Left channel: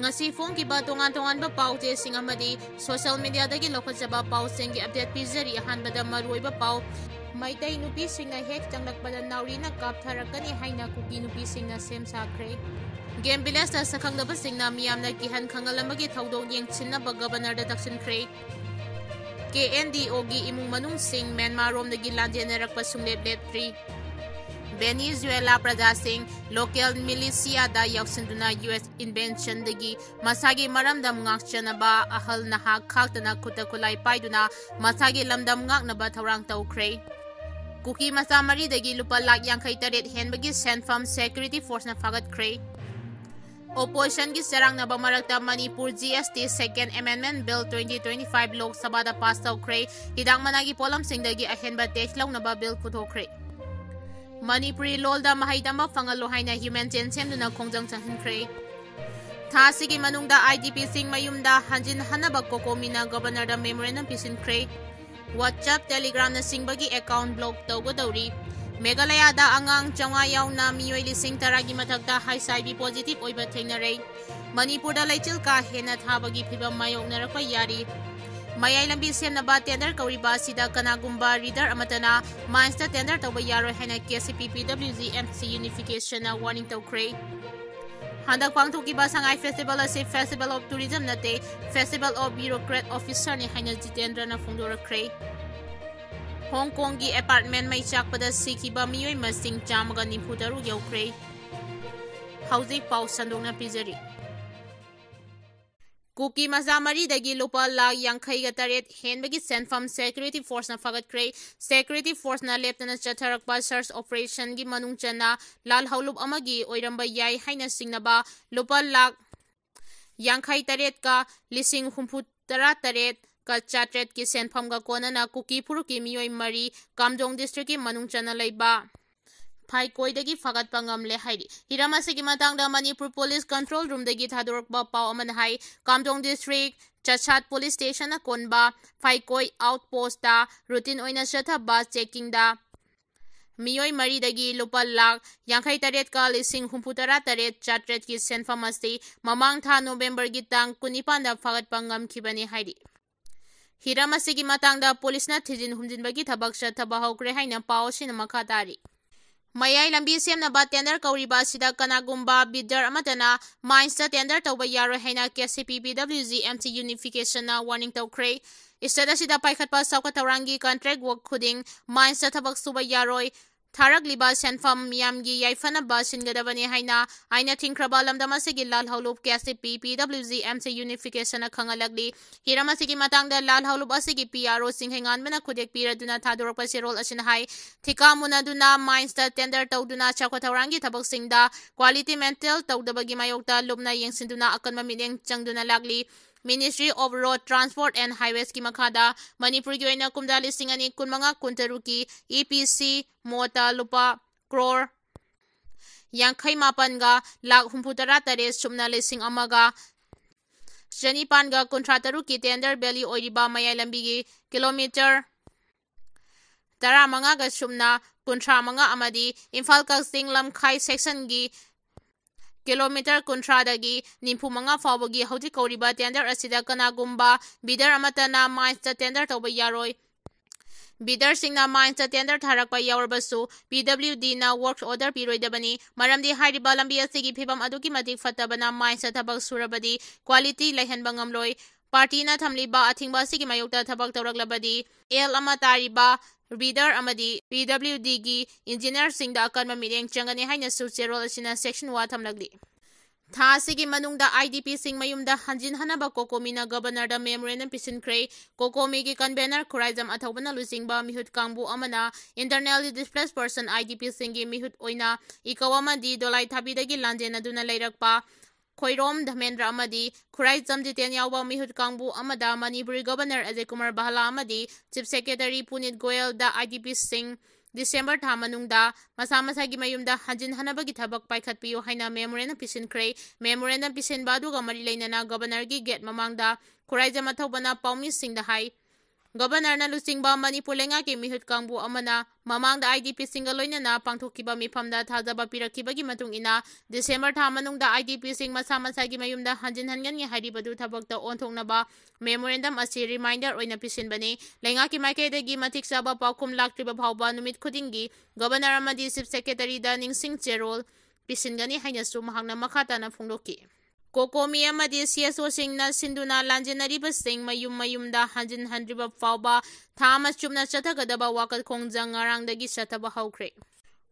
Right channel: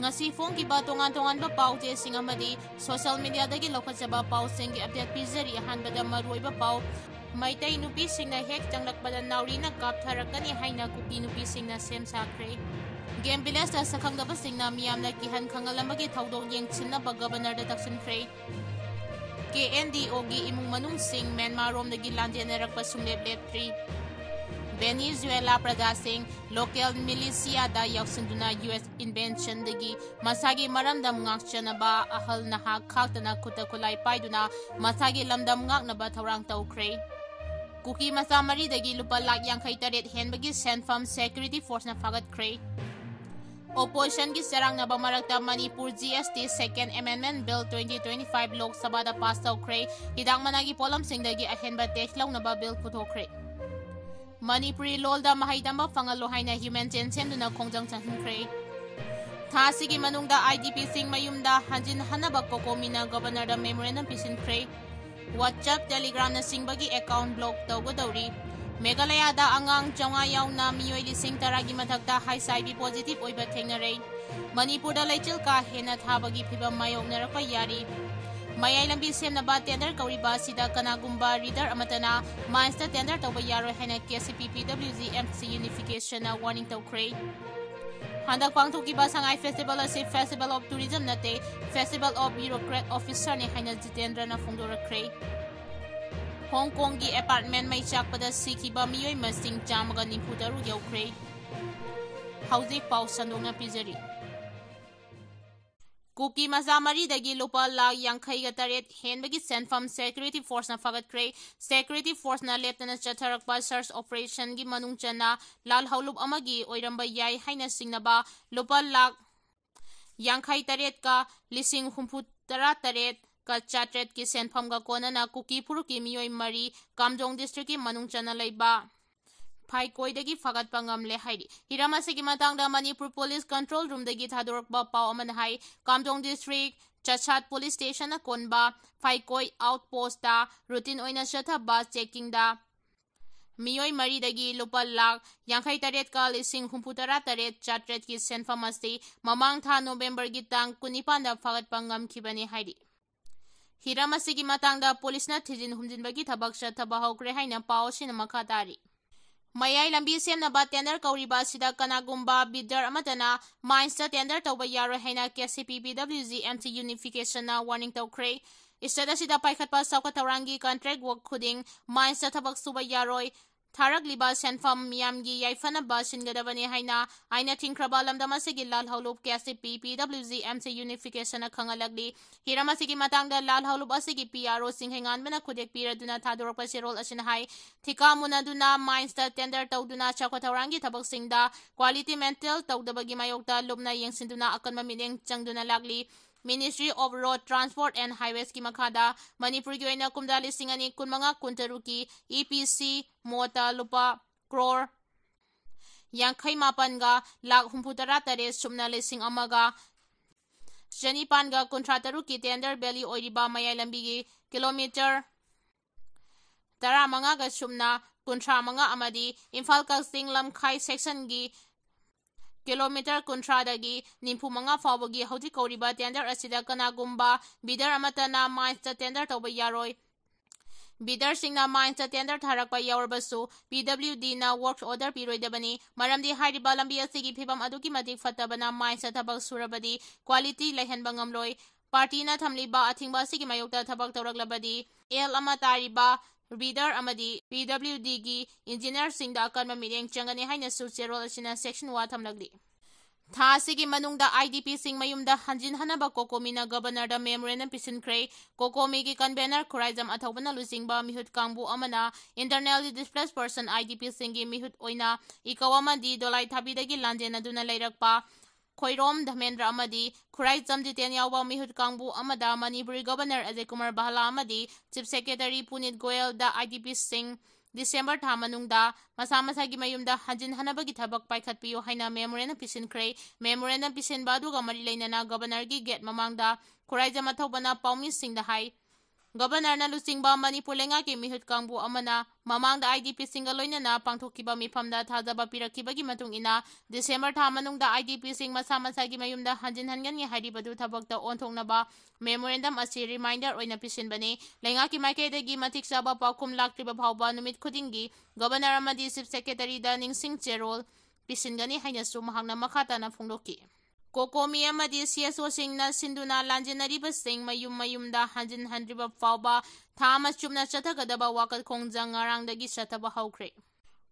ngasi phone ki ba tongan ba pau te sing amadi social media dagi lokhatjaba pau sing gi update pizari han bada maroi ba pau Meitei Nupi singna hek Lkpada Nourina Kapkani Haina Kuki Nupi singna Sem Sakhre Game Village da Sakangdaba singna miyamna kihan Kanglamagi thaudong yengchinna ba governor da taksinkhre KNDO gi imung manung sing Myanmar rom dagi lanjenerakpa sunglep letri Venezuela Prada Singh local militia da yaksinduna US invention dagi masagi maramdam ngakchanaba ahal naha khaktana kutakulai paiduna masagi lamdam ngaknaba thorang tawkhre Kuki masa mari dagi lupa lak yang taret henbagi Sem Security Force na fagatkhre Opposition gi sarang na bamarakta Manipur GST Second Amendment Bill 2025 Lok Sabha da pass tawkhre hidang managi polam singdagi ahenba techlaw na ba bill puthokre Manipuri lolda mahaitamba fangalo haina human chain semduna khongjang changhinkhre thasigi manungda IDP sing mayumda hanjin hanaba kokomina governor da memorandum pisinkhre WhatsApp Telegram na singbagi account block tawgodawri Meghalaya da angang chonga yauna miyoi lising taragi mathakta HIV positive oiba thengnare Manipur da laichil ka hena thabagi phibam mayoknarakpa yari Mayai lambi semnaba tender kauriba sida kanagumba reader amatana mines da tender tawba yaroi haina KCP PWG MC unification na warning tawkhre Handak pangthuki ba sangai festival ase Festival of Tourism nate Festival of Bureaucrat Officer ni haina Jitendra na phongdorakre Hong Kong gi apartment mai chakpada sikhiba miyoi masing chamaga nimpudaru yaukre Hauzik pau sandongna pizari Kuki mazamari dagi lupa lag yang kaiga taret henbagi Sem Security Force na fagatkre Security Force na Lieutenant Chatharakpa search operation gi manungchana lal haulup amagi oiramba yai haina singnaba lupa lag yang kai taret ka lising humputara taret ka chatret ki senfam ga kona na Kuki puruki miyoi mari Kamjong district ki manungchana laiba Phai koi dagi fagat pangam le hairi hiramase ki matangda Manipur Police Control Room dagi thadorokba pau aman hai Kamjong district Chachat Police Station na konba Phai koi outpost da routine oina chatha ba checking da miyoi mari dagi lupa lak yankhai taret ka lising humputara taret chatret ki senfam ase mamang tha November gi tang kunipan da fagat pangam khibani hairi hiramase ki matangda police na thijin humjinbagi thabak chathaba hokre haina pau sin makha tari Mayai lambi semnaba tender kauriba sida kanagumba bidder amatana mines da tender tawba yaro haina KCP PWG MC unification na warning tawkhre istada sida paikhatpa sauka tawrangi contract work khuding mines da thabak suba yaroi Tharak liba senfam miyamgi yaifana ba singadabani haina aina thinkraba lamdama sigi lal haulup KCP PWG MC unification na khangalagli hirama sigi matangda lal haulup asigi PRO singhengan bana khudek piraduna thadorpa serol asin hai thika munaduna mines da tender tawduna chakwatharangi thabak singda quality mental tawdabagi mayokta lubna yengsinduna akanma mineng changduna lagli Ministry of Road Transport and Highways ki makhada Manipur gi oina kumda lising ani kunmanga kuntaru ki EPC mota lupa crore yankhai mapan ga lak humputara tare sumna lising amaga janipan ga kontrataru ki tender belly oiriba mayai lambi gi kilometer tara manga ga sumna kontra manga amadi Imphal ka singlam khai section gi kilometer kontra dagi nimpu manga fawagi hauti kauriba tender asida kanagumba bidar amatana mines ta tender tawba yaroi bidar singna mines ta tender tharakpa yawarbasu PWD na work order piroidabani maramdi hairiba lambi asigi phibam aduki matik fatabana mines ta thabak surabadi quality lehenba ngamloi party na thamliba athingba sigi mayokta thabak tawraklabadi el amatariba Reader amadi PWD gi engineer singda akanma mireng changani haina sucherol asina section 1 thamlagli tha sigi manungda IDP sing mayumda hanjin hanaba kokomina governor da memorandum pisinkhre kokomi gi convener khuraijam athobana lusingba mihut kangbu amana internally displaced person IDP singi mihut oina ikawama di dolai thabidagi lanjena duna leirakpa Khoirom Dhamendra amadi Khurai Jamjiten yawba mihut kangbu amada Manipuri Governor Ajay Kumar Bahala amadi Chief Secretary Punit Goyal da IDP Singh December thamanungda masa-masagi mayumda hanjin hanabagi thabak paikhatpiyo haina memorandum pisinkhre memorandum pisinba aduga mari leinana Governor gi gate mamangda Khurai Jama thobana Paumi Singh da hai Governor na lusingba Manipur lengaki mihut kangbu amana mamangda IDP singa loinana pangthokiba mifamda thajaba pirakibagi matung ina December tha manungda IDP sing masa masagi mayumda hanjin hangan haribadu thabakta onthoknaba memorandum asi reminder oina pisinbani lengaki maikaidagi matik chaba paukhum laktriba phawba numit khudingi Governor amadi Chief Secretary da ningsing cherol pisingani haina su mahangna makhata na phongdoki Kokomi amadi CSO singna sinduna lanjenariba sing mayumda hanjin handriba phawba thama chumna chathagadaba wakal khongjang ngarangdagi chathaba haukhre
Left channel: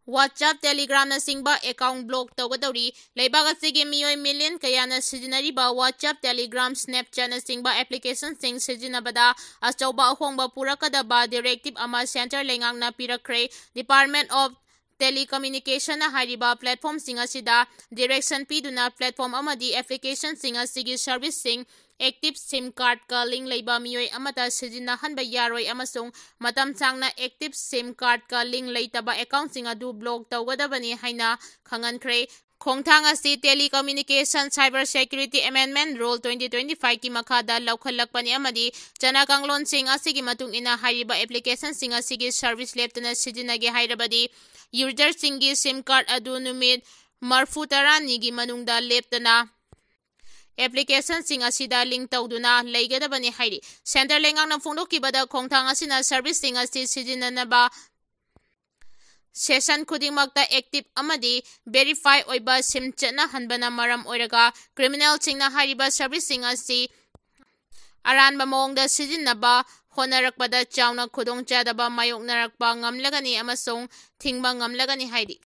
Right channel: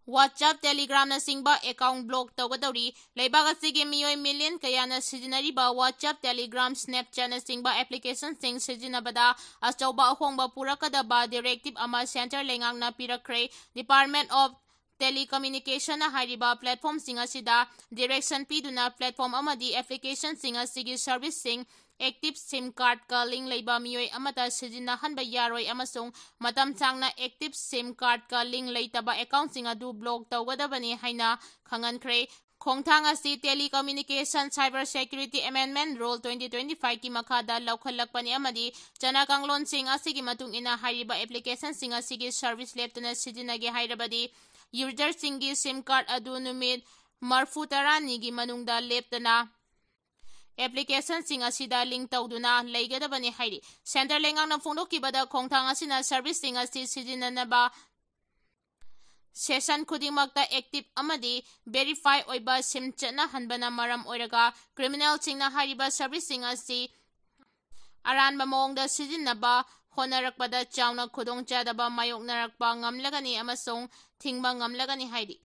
WhatsApp Telegram na singba account block tawgadori leibaga sige miyoi million kayana sijinariba WhatsApp Telegram Snapchat na singba application sing sijinabada achauba ahongba purakadaba directive ama center lengang na pirakre Department of Telecommunication na hariba platform sing asida direction piduna platform amadi application sing asigi service sing active SIM card ka link leiba miyoi amata sijinahanba yaroi amasung matam changna active SIM card ka link leitaba account sing adu block tawgadabani haina khangankre Khongthang asi Telecommunication Cyber Security Amendment Rule 2025 ki makhada laukhallakpani amadi chana kanglon sing asigi matung ina hariba application sing asigi service leptana sijinage hairabadi user singi SIM card adu numit marfu tarani gi manungda leptana application sing asida link tawduna leigadabani hairi center lengang na phongdokibada khongthang asina service sing asi sijinanaba session khudingmakta active amadi verify oiba sim chatna hanbana maram oiraga criminal singna hariba service sing asi aranba mawngda sijinaba honarakpada chauna khudongchadaba mayoknarakpa ngamlagani amasong thingba ngamlagani hairi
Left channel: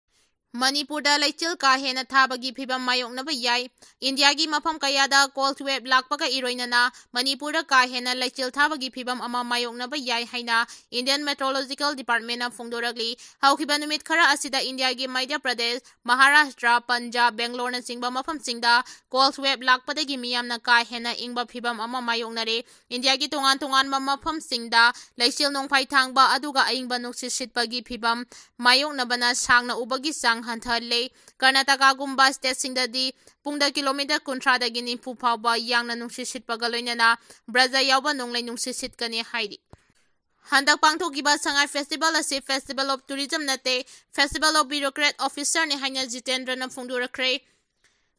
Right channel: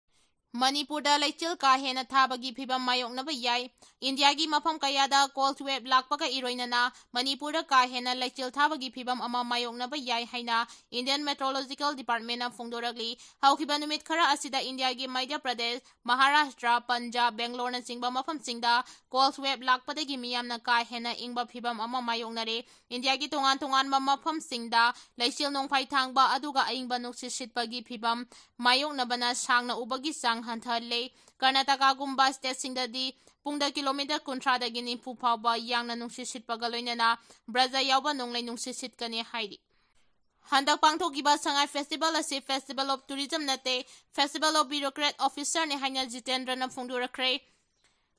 Manipur da laichil ka hena thabagi phibam mayoknaba yai India gi mafam kayada call to web lakpaga iroinana Manipur da ka hena laichil thabagi phibam ama mayoknaba yai haina Indian Meteorological Department na phongdoragli haukiba numit khara asida India gi Madhya Pradesh Maharashtra Punjab Bangalore na singba mafam singda call to web lakpada gi miyam na ka hena ingba phibam ama mayoknare India gi tongan mafam singda laichil nongphai thangba aduga aingba nuksi sitpagi phibam mayoknabana sangna ubagi sang hanthale Karnataka gumba state singdadi pungda kilometer kunthra dagi nimfu phawba yangna nungsi sitpaga loinana braja yawba nonglai nungsi sitkani hairi Handak pangthokiba sangai festival asi Festival of Tourism nate Festival of Bureaucrat Officer ni haina Jitendra na phongdorakre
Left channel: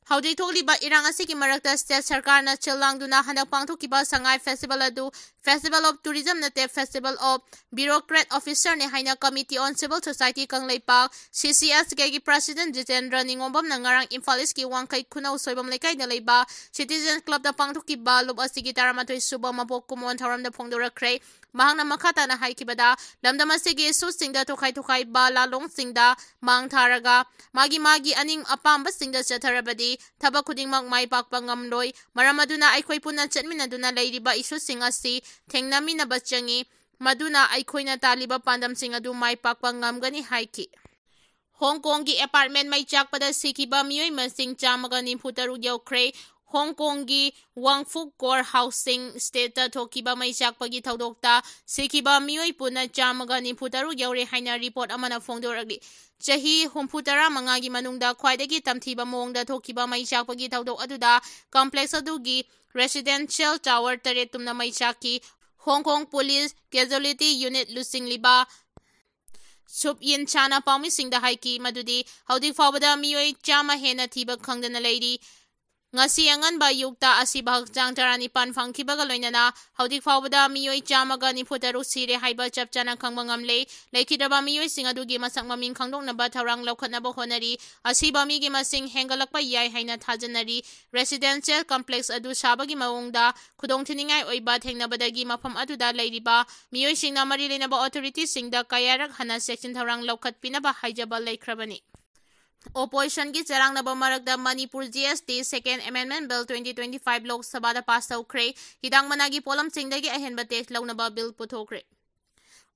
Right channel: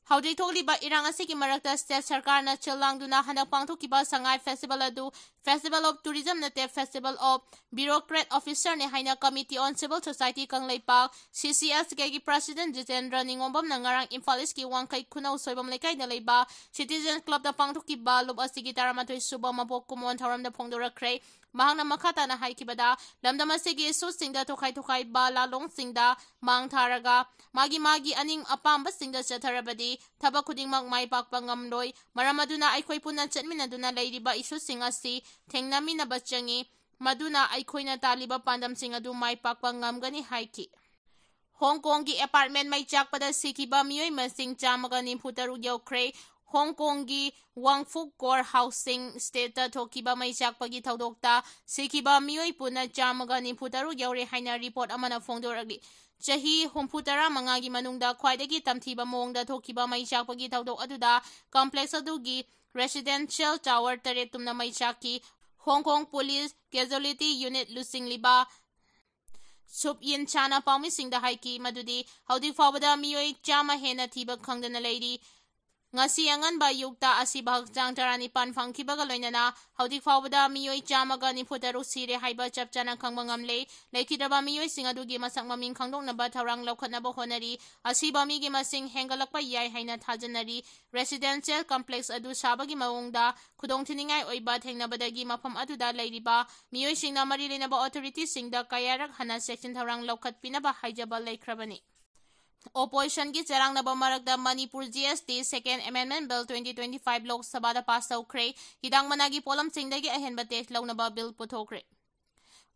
Haudik thokliba irang asigi marakta state sarkar na chilangduna handak pangthokiba sangai festival adu Festival of Tourism nate Festival of Bureaucrat Officer ni haina Committee on Civil Society Kangla CCS gi President Jitendra Ningombam na ngarang Imphal ki wangkai khunau soibam lekai na leiba Citizen Club da pangthokiba lob asigi taramatoi suba mapok kumon tharam da phongdorakre mahangna makhata na haikibada lamdam asigi su singda thokai ba lalong singda mang tharaga magi aning apamba singda chatharabadi thaba khudingmak mai pakpa ngamloi maramaduna aikhoi punna chatminaduna leiriba isu singasi thengnamina bachangi maduna aikhoina taliba pandam sing adu mai pakpa ngamgani haiki Hong Kong gi apartment mai chakpada sikiba miyoi masing chamaga nimphutaru yaukre Hong Kong gi Wangfuk Core Housing State ta thokiba mai chakpagi thodokta sikiba miyoi puna chamaga nimphutaru yaure haina report amana phongdoragli Chahi humputara mangagi manungda khwaidagi tamthiba mongda thokiba mai chakpagi thodok aduda complex adugi residential tower tare tumna mai chaki Hong Kong Police Casualty Unit lusing liba Sup yin chana pawmi singda haiki madudi haudik fawbada miyoi chama hena thiba khangdana leiri ngasi Akanba yukta asi bahakjang tarani pan phangkibaga loinana haudik fawbada miyoi chamaga nifutaru sire haiba chapchana khangba ngamle leikidaba miyoi singadugi masak maming khangdoknaba tharang laukhatnaba honari asiba migi masing hengalakpa yai haina thajanari residential complex adu sabagi mawongda khudongthiningai oiba thengnabadagi mafam aduda leiriba miyoi singna mari lenaba authority singda kayarak hana section tharang laukhatpinaba haijaba leikrabani Opposition ki charang na bamarakda Manipur GST Second Amendment Bill 2025 Lok Sabha da pass tawkre hidang managi polam singdagi ahenba text lawnaba bill puthokre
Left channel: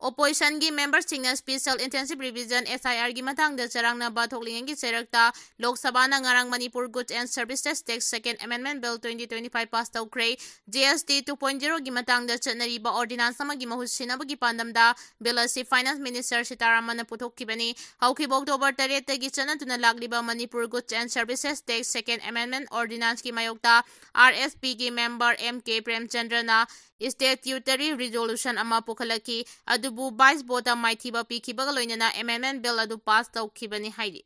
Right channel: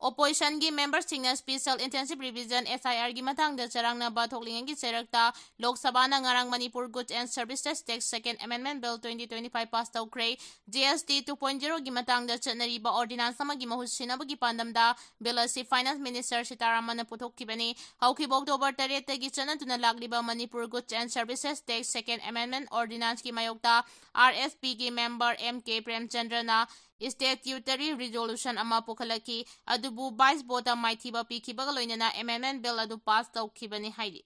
Opposition gi members singna special intensive revision SIR gi matang da charang na ba thoklingang gi cherakta Lok Sabha na ngarang Manipur Goods and Services Tax Second Amendment Bill 2025 pass tawkre GST 2.0 gi matang da chanari ba ordinance sama gi mahut sinaba gi pandamda bill asi Finance Minister Sitaramana puthokibani hauki October 3 gi chanatuna lagliba Manipur Goods and Services Tax Second Amendment Ordinance gi mayokta RSP gi member MK Premchandra na statutary resolution ama pukhalaki adubu 22 bota maithiba pikhibaga loinana amendment bill adu pass tawkhibani haidi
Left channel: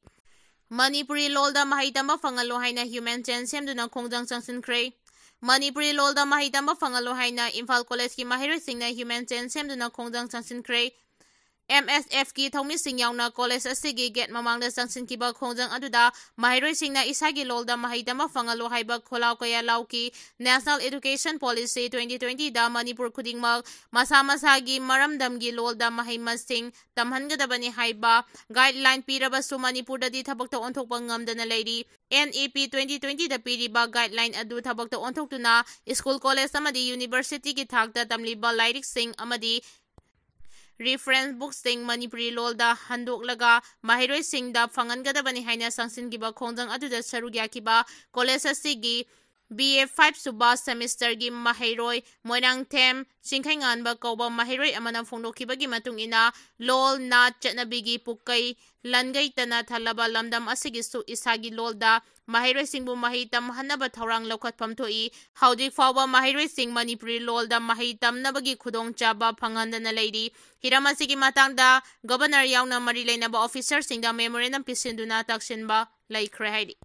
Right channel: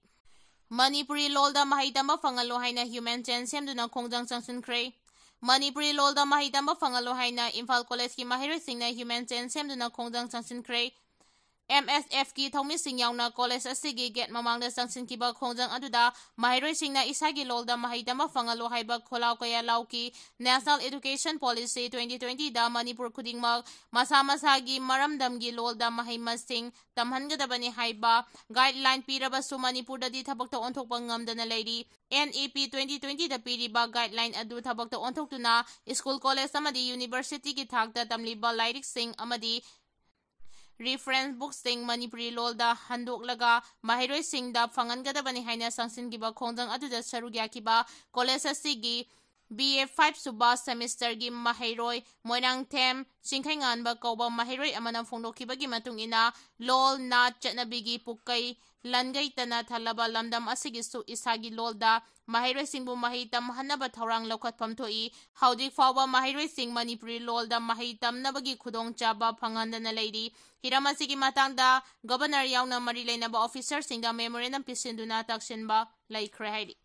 Manipuri lolda mahai tamba fangalo haina human chain semduna khongjang changsinkhre Manipuri lolda mahai tamba fangalo haina Imphal college ki mahiroi singna human chain semduna khongjang changsinkhre MSF ki thongmi sing yauna college asigi get mamangda changsinkiba khongjang aduda mahiroi singna isagi lolda mahai tamba fangalo haiba kholau kaya lauki National Education Policy 2020 da Manipur khudingmak masa masagi maramdamgi lolda mahai masing tamhangadabani haiba guideline pirabasu Manipur da di thabakta onthokpa ngamdana leiri NEP 2020 da piriba guideline adu thabakta onthoktuna school college amadi university ki thakta tamliba lairik sing amadi reference books sing Manipuri lolda handoklaga mahiroi singda fangangadabani haina sangsingiba khongjang aduda sarugyakiba college asigi BA5 suba semester gi mahiroi moirang them singkhainganba kauba mahiroi amana phongdokibagi matung ina lol na chatnabigi pukai langai tana thalaba lamdam asigi su isagi lolda mahiroi singbu mahitam hanaba thaurang lokhatpham thoi haudik fawba mahiroi sing Manipuri lolda mahitam nabagi khudong chaba phangandana leiri hiramasi ki matangda governor yauna mari leinaba officer singda memorandum pisinduna taksinba laikhre haidi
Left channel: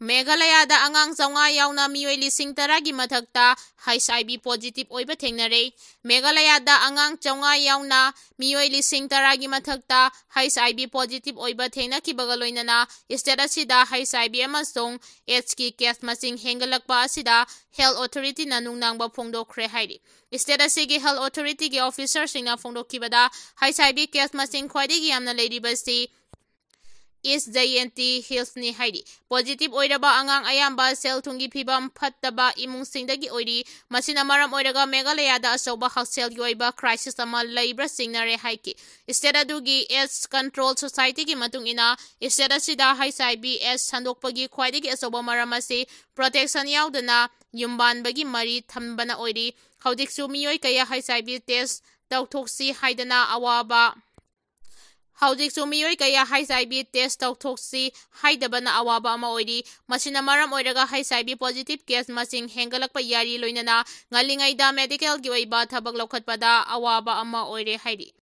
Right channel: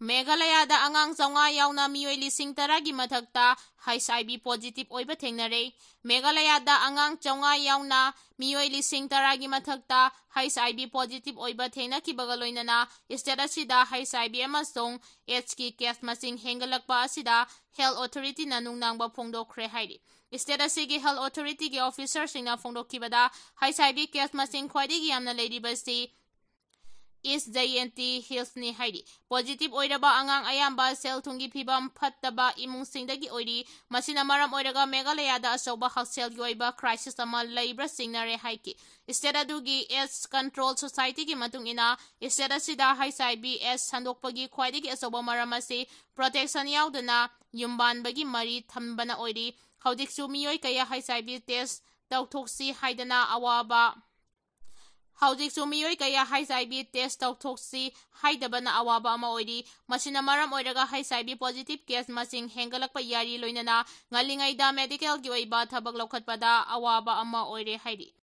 Meghalaya da angang zaunga yauna miyoi lising taragi mathakta HIV positive oiba thengnare Meghalaya da angang zaunga yauna miyoi lising taragi mathakta HIV positive oiba thengna ki bagaloinana state asida HIV amasong AIDS ki case masing hengalakpa asida health authority na nungnangba phongdokhre haidi state asigi health authority ki officer singna phongdokhibada HIV case masing khwaidigi yamna leiribasi is JNT Hills ni haidi positive oiraba angang ayamba sel thungi phibam phattaba imung singdagi oiri masina maram oiraga Meghalaya da asoba haksel gi oiba crisis ama laibra singnare haiki state adugi AIDS control society gi matung ina state asida HIV AIDS sandokpagi khwaidagi asoba maram asi protection yaudana yumbanbagi mari thambana oiri haudiksu miyoi kaya HIV test tawthoksi haidana awaba Haudik sumiyoi kaya HIV test tawthoksi haidabana awaba ama oiri masina maram oiraga HIV positive case masing hengalakpa yari loinana ngalingai da medical gi oiba thabak lokhatpada awaba ama oire haidi